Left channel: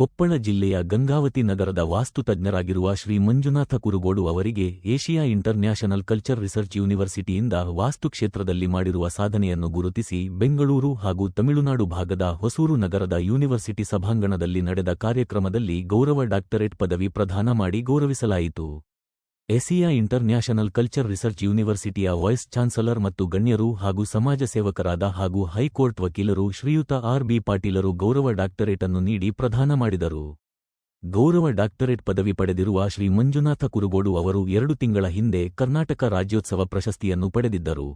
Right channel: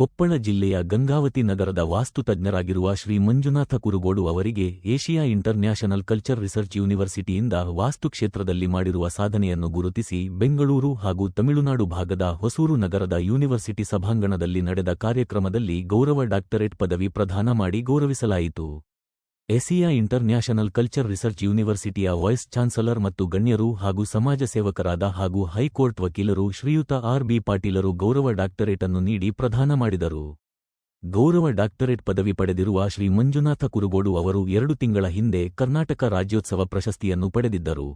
ಕೊಪ್ಪಳ ಜಿಲ್ಲೆಯ ಗಂಗಾವತಿ ನಗರದ ವಾಸ್ತುತಜ್ಞರಾಗಿರುವ ಶ್ರೀ ಮಂಜುನಾಥ ಕುರುಗೋಡು ಅವರಿಗೆ ಏಷಿಯಾ ಇಂಟರ್ನ್ಯಾಷನಲ್ ಕಲ್ಚರ್ ರಿಸರ್ಚ್ ಯೂನಿವರ್ಸಿಟಿಯಿಂದ ವಾಸ್ತುಕ್ಷೇತ್ರದಲ್ಲಿ ಮಾಡಿರುವ ಸಾಧನೆಯನ್ನು ಗುರುತಿಸಿ ಬೆಂಗಳೂರು ಹಾಗೂ ತಮಿಳುನಾಡು ಭಾಗದ ಹೊಸೂರು ನಗರದ ಯೂನಿವರ್ಸಿಟಿ ಸಭಾಂಗಣದಲ್ಲಿ ನಡೆದ ಕಾರ್ಯಕ್ರಮದಲ್ಲಿ ಗೌರವ ಡಾಕ್ಟರೇಟ್ ಪದವಿ ಪ್ರದಾನ ಮಾಡಿ ಗೌರವಿಸಲಾಯಿತು. ಏಷಿಯಾ ಇಂಟರ್ನ್ಯಾಷನಲ್ ಕಲ್ಚರ್ ರಿಸರ್ಚ್ ಯೂನಿವರ್ಸಿಟಿಯ ವೈಸ್ ಚಾನ್ಸಲರ್ ಮತ್ತು ಗಣ್ಯರು ಹಾಗೂ ಸಮಾಜ ಸೇವಕರಾದ ಹಾಗೂ ಹೈಕೋರ್ಟ್ ವಕೀಲರು ಶ್ರೀಯುತ ಆರ್.ಬಿ. ಪಾಟೀಲರು ಗೌರವ ಡಾಕ್ಟರೇಟ್ ಅನ್ನು ನೀಡಿ ಪ್ರದಾನ ಮಾಡಿದರು. ಗೌರವ ಡಾಕ್ಟರೇಟ್ ಪದವಿ ಪಡೆದಿರುವ ಶ್ರೀ ಮಂಜುನಾಥ ಕುರುಗೋಡು ಅವರು 2 ತಿಂಗಳ ಹಿಂದೆ ಕರ್ನಾಟಕ ರಾಜ್ಯೋತ್ಸವ ಪ್ರಶಸ್ತಿಯನ್ನು ಪಡೆದಿದ್ದರು.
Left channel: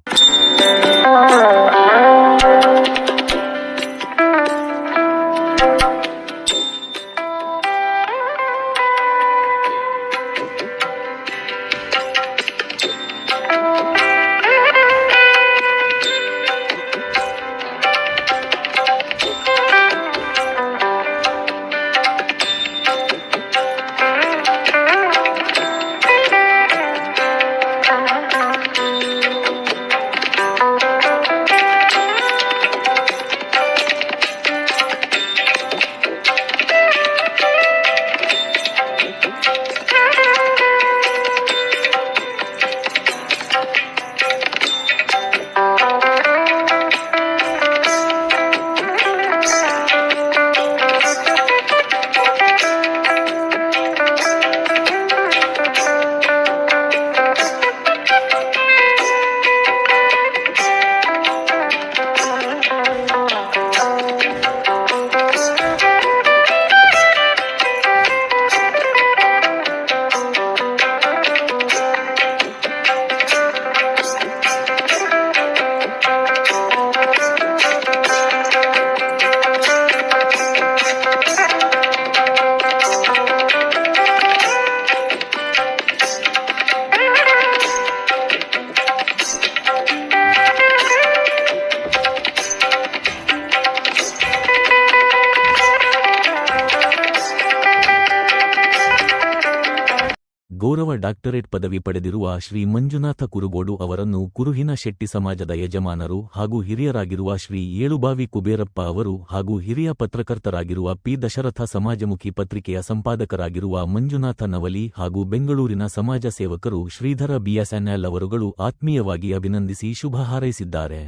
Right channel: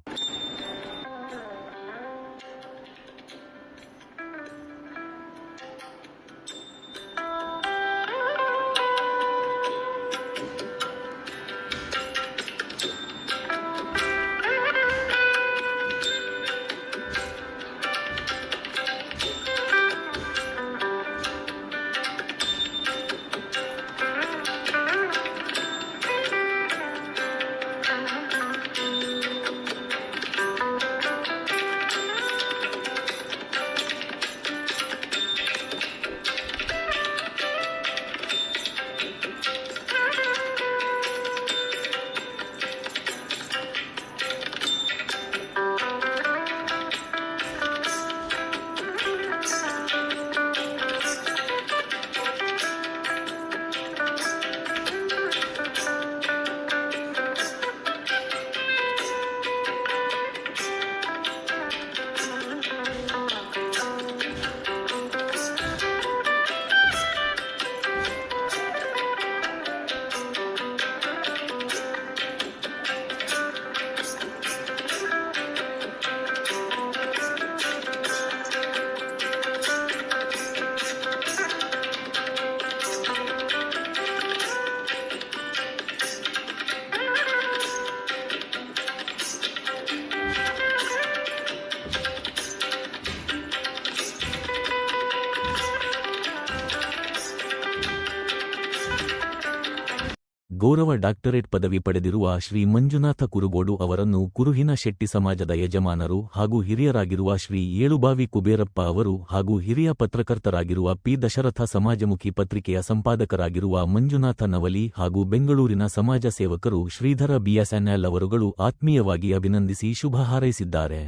ಗೌರವ ಡಾಕ್ಟರೇಟ್ ಪದವಿ ಪಡೆದಿರುವ ಶ್ರೀ ಮಂಜುನಾಥ ಕುರುಗೋಡು ಅವರನ್ನು ಕುರುಹಿನ ಶೆಟ್ಟಿ ಸಮಾಜದ ಯಜಮಾನರು ಹಾಗೂ ಹಿರಿಯರಾಗಿರುವ ಶ್ರೀ ಏಳುಬಾವಿ ಕುಬೇರಪ್ಪ ಅವರು ಹಾಗೂ ಹಿರಿಯ ಪತ್ರಕರ್ತರಾಗಿರುವ ಪಿ. ದಶರಥ ಸಮಾಜಮುಖಿ ಪತ್ರಿಕೆಯ ಸಂಪಾದಕರಾಗಿರುವ ಮಂಜುನಾಥ ನವಲಿ ಹಾಗೂ ಬೆಂಗಳೂರಿನ ಸಮಾಜ ಸೇವಕರು ಶ್ರೀಧರ ಬಿಎಸ್ಎನ್ಎಲ್ ಅವರುಗಳು ಆತ್ಮೀಯವಾಗಿ ಅಭಿನಂದಿಸಿ ಶುಭ ಹಾರೈಸಿದ್ದಾರೆ.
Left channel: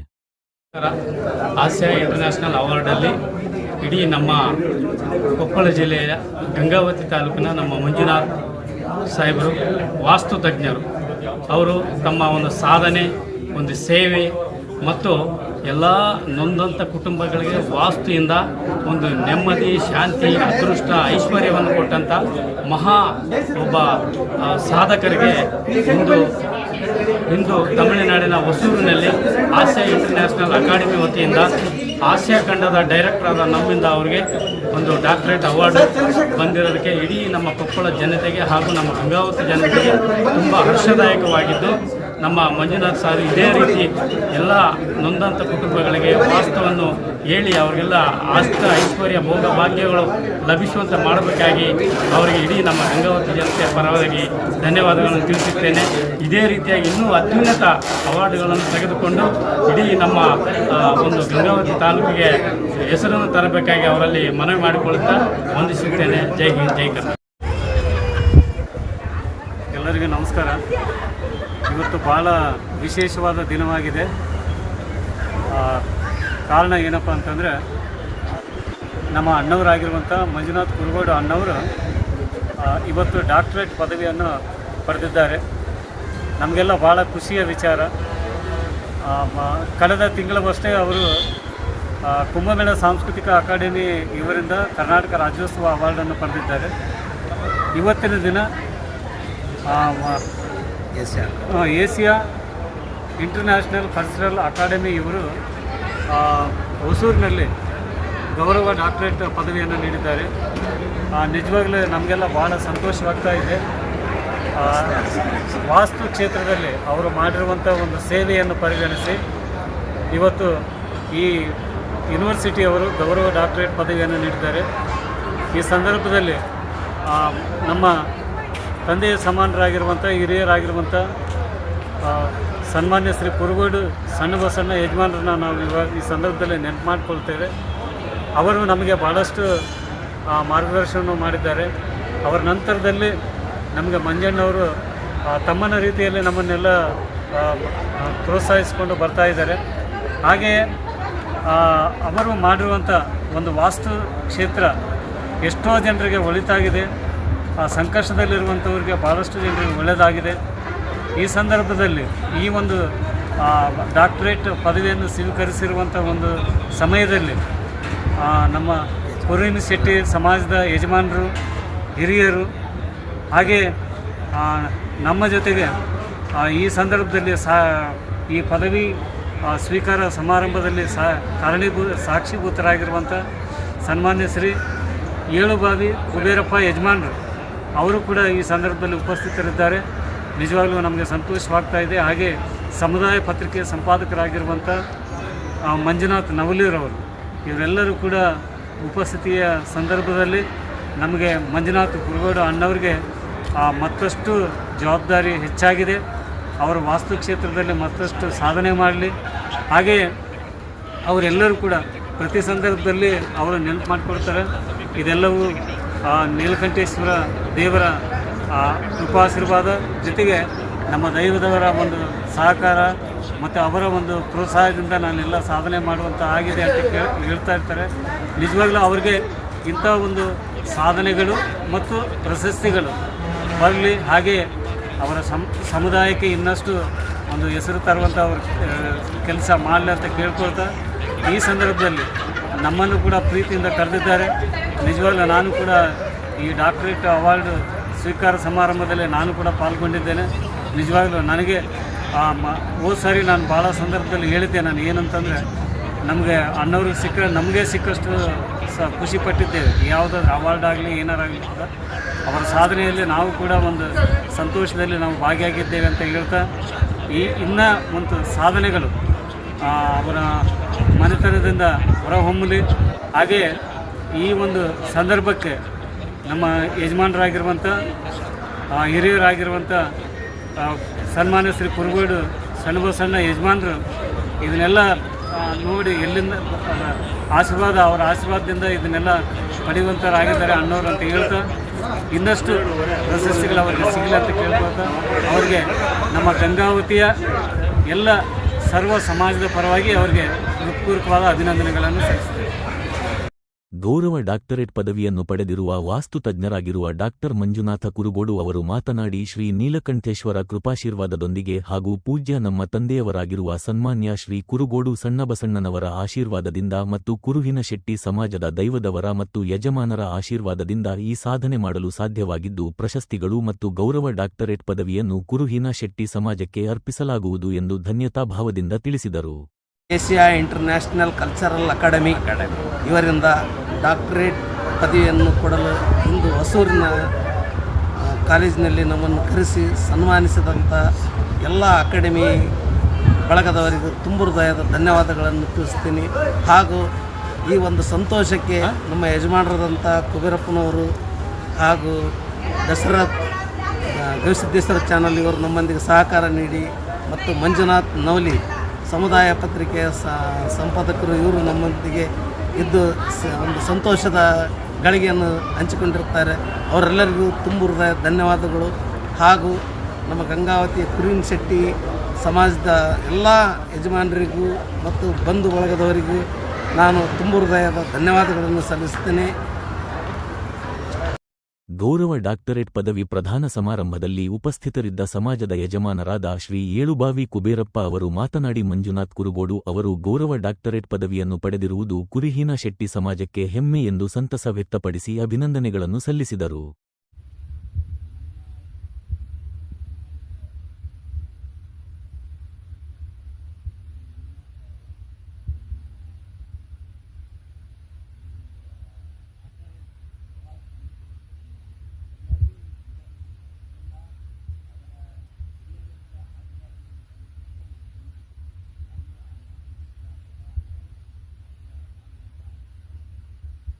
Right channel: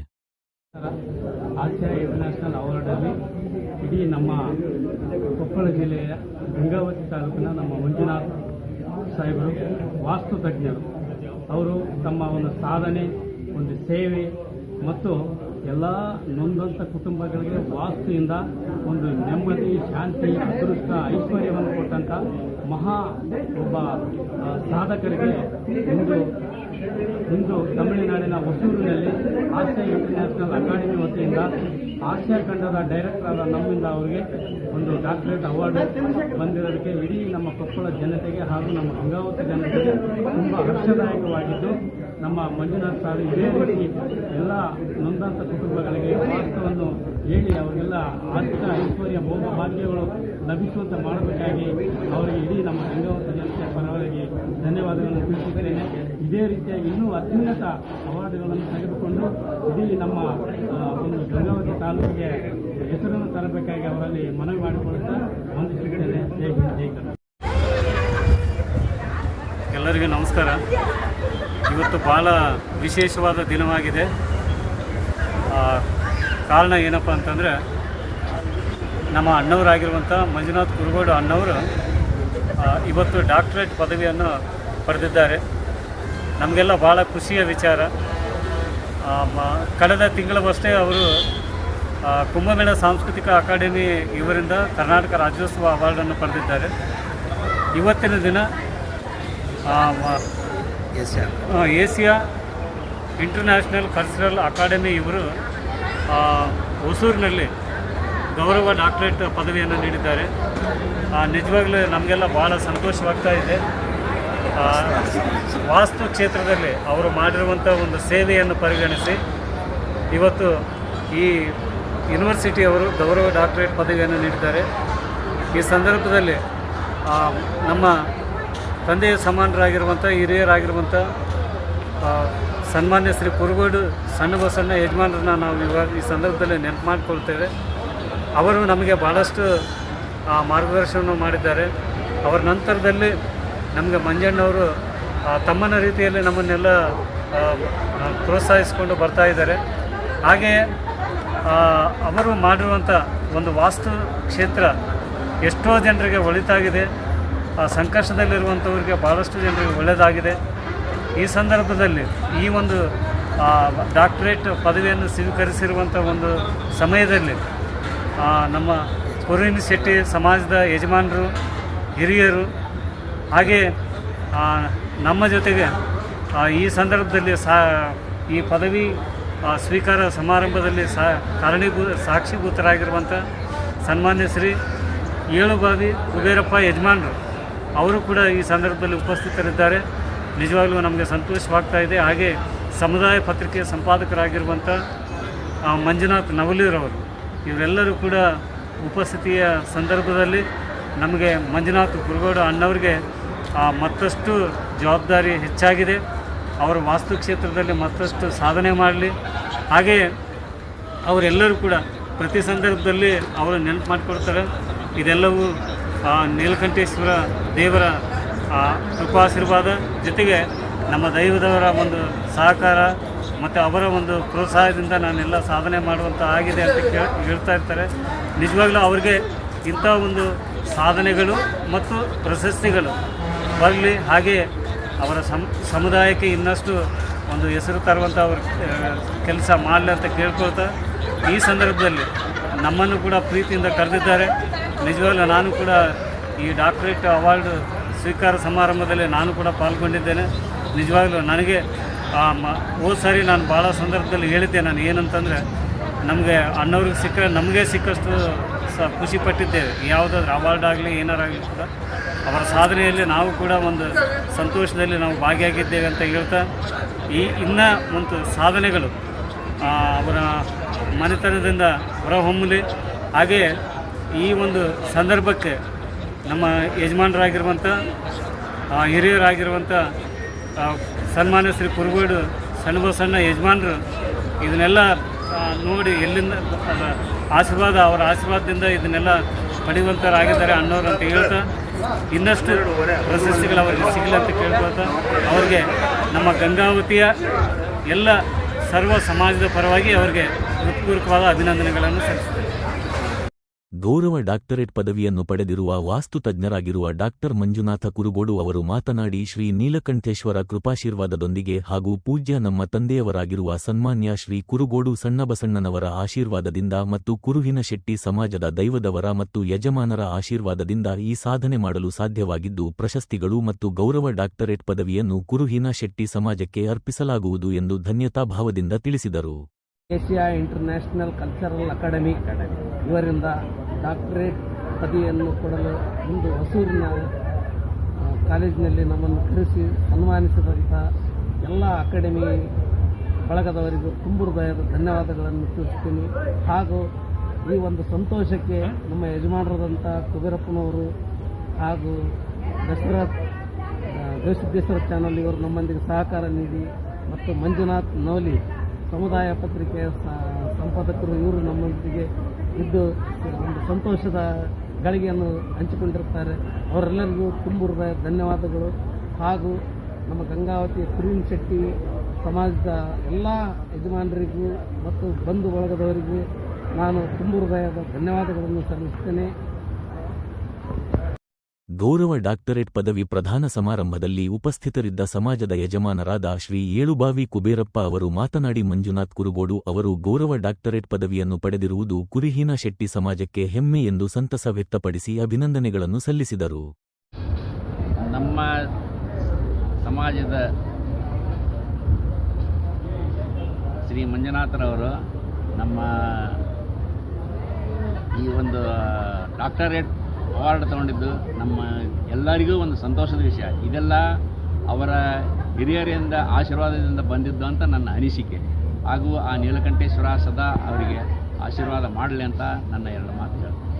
ಆಸಿಯಾ ಇಂಟರ್ನ್ಯಾಷನಲ್ ಅವಾರ್ಡಲ್ಲಿ ಇಡೀ ನಮ್ಮ ಕೊಪ್ಪಳ ಜಿಲ್ಲೆಯ ಗಂಗಾವತಿ ತಾಲೂಕಿನ ನಮ್ಮ ಮಂಜುನಾಥ್ ಸಾಹೇಬರು ವಾಸ್ತುತಜ್ಞರು. ಅವರು ತಮ್ಮ ಒಂದು ಸಾಧನೆ, ಒಂದು ಸೇವೆ ಮತ್ತು ಎಲ್ಲ ನೊಂದಂಥ ಕುಟುಂಬಗಳಿಗೆ ವಾಸ್ತುವಿಂದ ಒಂದು ನೆಮ್ಮದಿ, ಶಾಂತಿ, ಅದೃಷ್ಟ, ಐಶ್ವರ್ಯವನ್ನು ಕೊಟ್ಟಂಥ ಮಹಾ ಒಬ್ಬ ಸಾಧಕರಿಗೆ ಇಂದು ತಮಿಳುನಾಡಿನ ಹೊಸೂರಿನಲ್ಲಿ ಆಸಿಯಾ ಇಂಟರ್ನ್ಯಾಷನಲ್ ಅಕಾಡೆಮಿ ವತಿಯಿಂದ ಆಸಿಯಾ ಖಂಡದ ಡೈರೆಕ್ಟರ್ ಆದ ನಮ್ಮಿಂದ ಅವರಿಗೆ ಒಂದು ಡಾಕ್ಟರೇಟ್ ಅವಾರ್ಡ್ ಬಂದಿರೋದಕ್ಕೆ ಇಡೀ ನಮ್ಮ ಕೊಪ್ಪಳ ಜನತೆಗೆ ಹಾಗೂ ನಮ್ಮ ಗಂಗಾವತಿ ಜನತೆಗೆ ತುಂಬ ಹರ್ಷದಾಯಕವಾಗಿದ್ದು, ನಮ್ಮ ಮಂಜುನಾಥ್ ಸರ್ ಇದೇ ರೀತಿ ಎಲ್ಲ ನೊಂದಂಥ ಕುಟುಂಬಗಳಿಗೆ ವಾಸ್ತವವನ್ನು ಹೇಳಿ ಅವರಿಗೆಲ್ಲ ಐಶ್ವರ್ಯ ಭೋಗ ಭಾಗ್ಯಗಳು ಲಭಿಸುವಂತೆ ಮಾಡಬೇಕಾಗಿ ಅವರಿಗೆ ಇಡೀ ನಮ್ಮ ಗಂಗಾವತಿ ಜನತೆಯ ಪರವಾಗಿ ಧನ್ಯವಾದಗಳನ್ನು ತಿಳಿಸುತ್ತೇನೆ. ಇದೇ ರೀತಿಯಾಗಿ ಇನ್ನೂ ಅತ್ಯುನ್ನತ ಅವಾರ್ಡ್ಗಳನ್ನು ತೆಗೆದುಕೊಂಡು ಇಡೀ ನಮ್ಮ ಒಂದು ಗಂಗಾವತಿ ತಾಲೂಕಿಗೆ ಹೆಸರನ್ನು ತರಬೇಕಾಗಿ ಅವರಲ್ಲಿ ಮನವಿ ಮಾಡಿಕೊಳ್ಳುತ್ತಾ ವಂದಿಸುತ್ತೇನೆ. ಜೈ ಹಿಂದ್, ಜೈ ಕರ್ನಾಟಕ. ಎಲ್ಲರಿಗೂ ನಮಸ್ಕಾರ. ಇವತ್ತು ಭಾಳ ವಿಶೇಷವಾದ ದಿನವಾಗಿದೆ. ಕಾರಣ ಏನಪ್ಪ ಅಂತಂದರೆ, ನಮ್ಮ ಅಣ್ಣವರಾಗಿರುವಂಥ ಮಂಜುನಾಥ್ ಕುರುಗೋಡು ಅಣ್ಣವರು ಇವತ್ತು ಡಾಕ್ಟರೇಟ್ ಪದವಿಯನ್ನು ಪಡೆದಿದ್ದಾರೆ. ನಮಗೆಲ್ಲ ಭಾಳ ಖುಷಿಯ ವಿಚಾರ. ಕಳೆದ ತಿಂಗಳವಷ್ಟೇ ಅವರು ಕುಂಭಮೇಳ ಸಾಂಸ್ಕೃತಿಕ ಅಕಾಡೆಮಿ ಇವರಿಂದ ಕರ್ನಾಟಕ ರಾಜ್ಯೋತ್ಸವ ಅವಾರ್ಡನ್ನು ಪಡೆದಿದ್ದಾರೆ. ಇವತ್ತಿನ ದಿನ ಏಷಿಯಾ ಇಂಟರ್ನ್ಯಾಷನಲ್ ಕಲ್ಚರಲ್ ಅಕಾಡೆಮಿ ಇವರು ಹೊಸೂರಿನಲ್ಲಿ ಗೌರವ ಡಾಕ್ಟರೇಟ್ ಪದವಿಯನ್ನು ನೀಡಿದ್ದಾರೆ. ನಿಜವಾಗ್ಲೂ ನಮಗೆಲ್ಲ ಭಾಳ ಸಂತೋಷವಾಗ್ತಾ ಇದೆ. ವಾಸ್ತು ಕ್ಷೇತ್ರದಲ್ಲಿ ಅವರು ಮಾಡಿರುವಂಥ ಒಂದು ಸೇವೆಯನ್ನು ಪರಿಗಣಿಸಿ ಇವತ್ತು ಈ ಯೂನಿವರ್ಸಿಟಿಯವರು ಗೌರವ ಡಾಕ್ಟರೇಟ್ ಪದವಿಯನ್ನು ನೀಡಿದ್ದಾರೆ. ಈ ಸಂದರ್ಭದಲ್ಲಿ ನಮ್ಮ ತಂದೆಯ ಸಮಾನರಾಗಿರುವಂಥ ಹಿರಿಯರಾಗಿರುವಂಥ ಸನ್ಮಾನ್ಯ ಶ್ರೀ ಕುರುಗೋಡು ಸಣ್ಣಬಸಣ್ಣ ಯಜಮಾನರನ್ನ ನಾವು ಈ ಸಂದರ್ಭದಲ್ಲಿ ನೆನಪು ಮಾಡಿಕೊಳ್ತೇವೆ. ಅವರು ನಮಗೆ ಭಾಳಷ್ಟು ಮಾರ್ಗದರ್ಶನ ಮಾಡಿದ್ದಾರೆ. ಅವರ ನಂತರದಲ್ಲಿ ನಮಗೆ ಮಂಜಣ್ಣವರು ತಮ್ಮನ ರೀತಿಯಲ್ಲಿ ನಮ್ಮನ್ನೆಲ್ಲ ಪ್ರೋತ್ಸಾಹಿಸಿಕೊಂಡು ಬರ್ತಾ ಇದ್ದಾರೆ. ಹಾಗೆಯೇ ಅವರು ಮಾಡಿರುವಂಥ ಒಂದು ವಾಸ್ತು ಕ್ಷೇತ್ರ ಎಷ್ಟೋ ಜನರಿಗೆ ಒಳಿತಾಗಿದೆ. ಸಂಕಷ್ಟದಲ್ಲಿರುವಂಥವ್ರಿಗೆ ಭಾಳಷ್ಟು ಜನರಿಗೆ ಒಳ್ಳೆಯದಾಗಿದೆ. ಈ ಸಂದರ್ಭದಲ್ಲಿ ಈ ಒಂದು ಡಾಕ್ಟರೇಟ್ ಪದವಿಯನ್ನು ಸ್ವೀಕರಿಸಿರುವಂಥ ಒಂದು ಸಮಯದಲ್ಲಿ ನಮ್ಮ ಕುರುಹಿನ ಶೆಟ್ಟಿ ಸಮಾಜದ ಯಜಮಾನರು, ಹಿರಿಯರು, ಹಾಗೆ ನಮ್ಮ ಜೊತೆಗೆ ಈ ಸಂದರ್ಭದಲ್ಲಿ ಈ ಪದವಿ ಸ್ವೀಕಾರ ಸಮಾರಂಭದಲ್ಲಿ ಸಾಕ್ಷಿಭೂತರಾಗಿರುವಂಥ ಸನ್ಮಾನ್ಯ ಶ್ರೀ ಏಳುಬಾವಿ ಕುಬೇರಪ್ಪ ಯಜಮಾನರು ಅವರು ಕೂಡ ಈ ಸಂದರ್ಭದಲ್ಲಿ ಉಪಸ್ಥಿತರಿದ್ದಾರೆ. ನಿಜವಾಗಲೂ ನಮಗೆ ಸಂತೋಷವಾಗ್ತಾ ಇದೆ. ಹಾಗೆ ಸಮುದಾಯ ಪತ್ರಿಕೆ ಸಂಪಾದಕರಾಗಿರುವಂಥ ಮಂಜುನಾಥ್ ನವಲೂರವರು ಇವರೆಲ್ಲರೂ ಕೂಡ ಉಪಸ್ಥಿತಿಯ ಸಂದರ್ಭದಲ್ಲಿ ನಮಗೆ ಮಂಜುನಾಥ್ ಕುರುಗೋಡು ಅಣ್ಣವ್ರಿಗೆ ಮತ್ತಷ್ಟು ಜವಾಬ್ದಾರಿ ಹೆಚ್ಚಾಗಿದೆ. ಅವರ ವಾಸ್ತು ಕ್ಷೇತ್ರದಲ್ಲಿ ಮತ್ತಷ್ಟು ಸಾಧನೆ ಮಾಡಲಿ. ಹಾಗೆಯೇ ಅವರೆಲ್ಲರೂ ಕೂಡ ಪ್ರತಿ ಸಂದರ್ಭದಲ್ಲಿ ಅವರು ನೆನಪು ಮಾಡಿಕೊಡ್ತಾರೆ. ಇದೆಲ್ಲವೂ ನೀಲಕಂಠೇಶ್ವರ ದೇವರ ಕೃಪಾಶೀರ್ವಾದ ಜೊತೆಗೆ ನಮ್ಮ ದೈವದವರ ಒಂದು ಸಹಕಾರ ಮತ್ತು ಅವರ ಒಂದು ಪ್ರೋತ್ಸಾಹದಿಂದ ನಾನೆಲ್ಲ ಸಾಧನೆ ಮಾಡುವಂಥ ಆಗಿದೆ ಅಂತ ಹೇಳ್ತಾ ಇರ್ತಾರೆ. ನಿಜವಾಗ್ಲೂ ಅವ್ರಿಗೆ ಇಂಥ ಒಂದು ಸಾಧನೆಗಳು ಮತ್ತು ಪ್ರಶಸ್ತಿಗಳು ಬರಲಿ. ಹಾಗೆ ಅವರ ಸಮುದಾಯಕ್ಕೆ ಇನ್ನಷ್ಟು ಒಂದು ಹೆಸರು ತರುವಂಥ ಅವ್ರ ಕೆಲಸ ಮಾಡಲಿ ಅಂತ ಕೇಳ್ಕೊಳ್ತಾ, ಈ ಸಂದರ್ಭದಲ್ಲಿ ನಮ್ಮನ್ನು ಕೂಡ ಪ್ರೀತಿಯಿಂದ ಕರೆದಿದ್ದಾರೆ. ನಿಜವಾಗ್ಲೂ ನಾನು ಕೂಡ ಈ ಡಾಕ್ಟರೇಟ್ ಅವಾರ್ಡ್ ಸ್ವೀಕಾರ ಸಮಾರಂಭದಲ್ಲಿ ನಾನು ಕೂಡ ಪಾಲ್ಗೊಂಡಿದ್ದೇನೆ. ನಿಜವಾಗ್ಲೂ ನನಗೆ ಹೋದ ಸಾರಿ ನಾನು ಭಾಳ ಸಂದರ್ಭದಲ್ಲಿ ಹೇಳಿದ್ದೆ, ನಾನು ಏನಂತಂದರೆ ನಮಗೆ ಅಣ್ಣವ್ರಿಗೆ ಸಿಕ್ಕರೆ ನಮಗೆ ಸಿಕ್ಕಷ್ಟು ಖುಷಿ ಪಟ್ಟಿದ್ದೇವೆ. ಯಾವುದಾದ್ರೂ ಅವಾರ್ಡ್ ಆಗಲಿ ಏನಾರಾಗಲಿ ಕೂಡ ಅವರ ಸಾಧನೆಯಲ್ಲಿ ನಾವು ಕೂಡ ಒಂದು ಸಂತೋಷದಲ್ಲಿ ನಾವು ಭಾಗಿಯಾಗಿದ್ದೇವೆ ಅಂತ ಹೇಳ್ತಾ, ಇನ್ನೂ ಒಂದು ಸಾಧನೆಗಳು ಅವರ ಮನೆತನದಿಂದ ಹೊರಹೊಮ್ಮಲಿ. ಹಾಗೆಯೇ ಈ ಒಂದು ಸಂದರ್ಭಕ್ಕೆ ನಮ್ಮ ಯಜಮಾನರಾಗಿರುವಂಥ ಹಿರಿಯರಾಗಿರುವಂಥ ಸನ್ಮಾನ್ಯ ಶ್ರೀ ಕುರುಗೋಡು ಸಣ್ಣ ಯಜಮಾನರು ಇದನ್ನೆಲ್ಲ ನೋಡಿ ಎಲ್ಲಿಂದ ಆಶೀರ್ವಾದ, ಅವರ ಆಶೀರ್ವಾದದಿಂದ ಇದನ್ನೆಲ್ಲ ಪಡೆಯುವಂಥವರಾಗಿದ್ದಾರೆ ಅಣ್ಣವರು ಅಂತ ಹೇಳ್ತಾ, ಇನ್ನಷ್ಟು ಪ್ರಶಸ್ತಿಗಳು ಅವರಿಗೆ ಸಿಗಲಿ ಅಂತ ಕೇಳ್ಕೊಳ್ತಾ, ಅವರಿಗೆ ನಮ್ಮ ಗಂಗಾವತಿಯ ಎಲ್ಲ ಸರ್ವ ಸಮಾಜದ ಪರವಾಗಿ ಅವರಿಗೆ ಹೃತ್ಪೂರ್ವಕವಾದ ಅಭಿನಂದನೆಗಳನ್ನು ಸಲ್ಲಿಸುತ್ತೇವೆ. ಗೌರವ ಡಾಕ್ಟರೇಟ್ ಪದವಿಯನ್ನು ಪಡೆದಿರುವ ವಾಸ್ತು ತಜ್ಞರಾಗಿರುವ ಡಾಕ್ಟರ್ ಮಂಜುನಾಥ ಕುರುಗೋಡು ಅವರು ಮಾತನಾಡಿ, ಶ್ರೀ ನೀಲಕಂಠೇಶ್ವರ ಕೃಪಾಶೀರ್ವಾದದೊಂದಿಗೆ ಹಾಗೂ ಪೂಜ್ಯ ನಮ್ಮ ತಂದೆಯವರಾಗಿರುವ ಸನ್ಮಾನ್ಯ ಶ್ರೀ ಕುರುಗೋಡು ಸಣ್ಣಬಸಣ್ಣನವರ ಆಶೀರ್ವಾದದಿಂದ ಮತ್ತು ಕುರುಹಿನ ಶೆಟ್ಟಿ ಸಮಾಜದ ದೈವದವರ ಮತ್ತು ಯಜಮಾನರ ಆಶೀರ್ವಾದದಿಂದ ಈ ಸಾಧನೆ ಮಾಡಲು ಸಾಧ್ಯವಾಗಿದ್ದು, ಪ್ರಶಸ್ತಿಗಳು ಮತ್ತು ಗೌರವ ಡಾಕ್ಟರೇಟ್ ಪದವಿಯನ್ನು ಕುರುಹಿನ ಶೆಟ್ಟಿ ಸಮಾಜಕ್ಕೆ ಅರ್ಪಿಸಲಾಗುವುದು ಎಂದು ಧನ್ಯತಾ ಭಾವದಿಂದ ತಿಳಿಸಿದರು. ಏಷ್ಯಾ ಇಂಟರ್ನ್ಯಾಷನಲ್ ಕಲ್ಚರಲ್ ಅಕಾಡೆಮಿ ಇವರಿಂದ ಡಾಕ್ಟರೇಟ್ ಪದವಿಯನ್ನು ಕೊಡಲು ಇಂದು ಹೊಸೂರಿನ ಕಾಲೇಜಿನಲ್ಲಿ ನಮ್ಮನ್ನು ಕರೆಸಿ ಸನ್ಮಾನಿಸಿದಂಥ ಎಲ್ಲ ಅಕಾಡೆಮಿ ಬಳಗದವರಿಗೂ ತುಂಬ ಹೃದಯದ ಧನ್ಯವಾದಗಳನ್ನು ತಿಳಿಸ್ತೀನಿ. ಹಾಗೂ ಈ ಒಂದು ಸಂತೋಷಕ್ಕೆ ನಮ್ಮ ಯಜಮಾನರಾದಂಥ ಕುಬೇರಪ್ಪನವರು ಹಾಗೂ ದಶರಥ್ ಗವಿಸಿದ್ದೇಶ್ವರ ಚಾನಲ್ ಇವರು ನಮ್ಮೊಂದಿಗೆ ಸಹಕಾರ ನೀಡಿ, ಮತ್ತು ಮಂಜುನಾಥ್ ನವಲಿ ಸಮುದಾಯ ಪತ್ರಿಕೆಯ ಸಂಪಾದಕರು ಇವರು ನಮ್ಮೊಂದಿಗೆ ಇದ್ದು ಒಂದು ಸಂತೋಷದ ಗಳಿಗೆಯನ್ನು ಹಂಚಿಕೊಂಡಿರ್ತಾರೆ. ಅವರೆಲ್ಲರಿಗೂ ತುಂಬ ಹೃದಯ ಧನ್ಯವಾದಗಳು. ಹಾಗೂ ನಮ್ಮ ಗಂಗಾವತಿಯ ಕುರುಹಿನ ಶೆಟ್ಟಿ ಸಮಾಜದ ಎಲ್ಲ ಯಜಮಾನರಿಗೂ ಮತ್ತು ಬಂಧು ಬಳಗದವರಿಗೂ ನಾನು ತುಂಬ ಹೃದಯದ ಧನ್ಯವಾದಗಳನ್ನು ಸಲ್ಲಿಸುತ್ತೇನೆ. ಗೌರವ ಡಾಕ್ಟರೇಟ್ ಪದವಿ ಪ್ರದಾನ ಸಮಾರಂಭದಲ್ಲಿ ಉಪಸ್ಥಿತರಿದ್ದ ಸಮಾಜದ ಯಜಮಾನರಾದ ಶ್ರೀ ಏಳುಬಾವಿ ಕುಬೇರಪ್ಪ ಅವರು ಮಾತನಾಡಿ, ಮಂಜುನಾಥ್ ಕುರುಗೋಡು ಅವರು ಗೌರವ ಡಾಕ್ಟರೇಟ್ ಪದವಿಯನ್ನು ಪಡೆದಿರುವುದು ಕುರುಹಿನ ಶೆಟ್ಟಿ ಸಮಾಜಕ್ಕೆ ಹೆಮ್ಮೆ ಎಂದು ಸಂತಸ ವ್ಯಕ್ತಪಡಿಸಿ ಅಭಿನಂದನೆಗಳನ್ನು ಸಲ್ಲಿಸಿದರು. ನಮ್ಮ ಸಮಾಜದ ಶ್ರೀ ಮಂಜುನಾಥರವರು ನಮ್ಮ ಈ ಒಂದು ಡಾಕ್ಟರೇಟ್ ಅವಾರ್ಡ್ ತಗೊಂಡಿದ್ದು ನಮ್ಮ ಎಲ್ಲರಿಗೂ ಒಂದು ಸಂತೋಷದ ವಿಷಯ. ಇದೆಲ್ಲ ಅವರ ಹಿರಿಯರಿಂದ ಆಶೀರ್ವಾದದಿಂದ ಬಂದಿದ್ದು ಅಂತ ನನ್ನ ಅನಿಸಿಕೆ. ಹಾಗೂ ಆ ನೀಲಕಂಠೇಶ್ವರ ಸದಾ ಅವರಿಗೆ ಆಶೀರ್ವಾದ ಮಾಡಲಿ ಅಂತ ನನ್ನ ಎರಡು ಮಾತು ಹೇಳ್ತೀನಿ.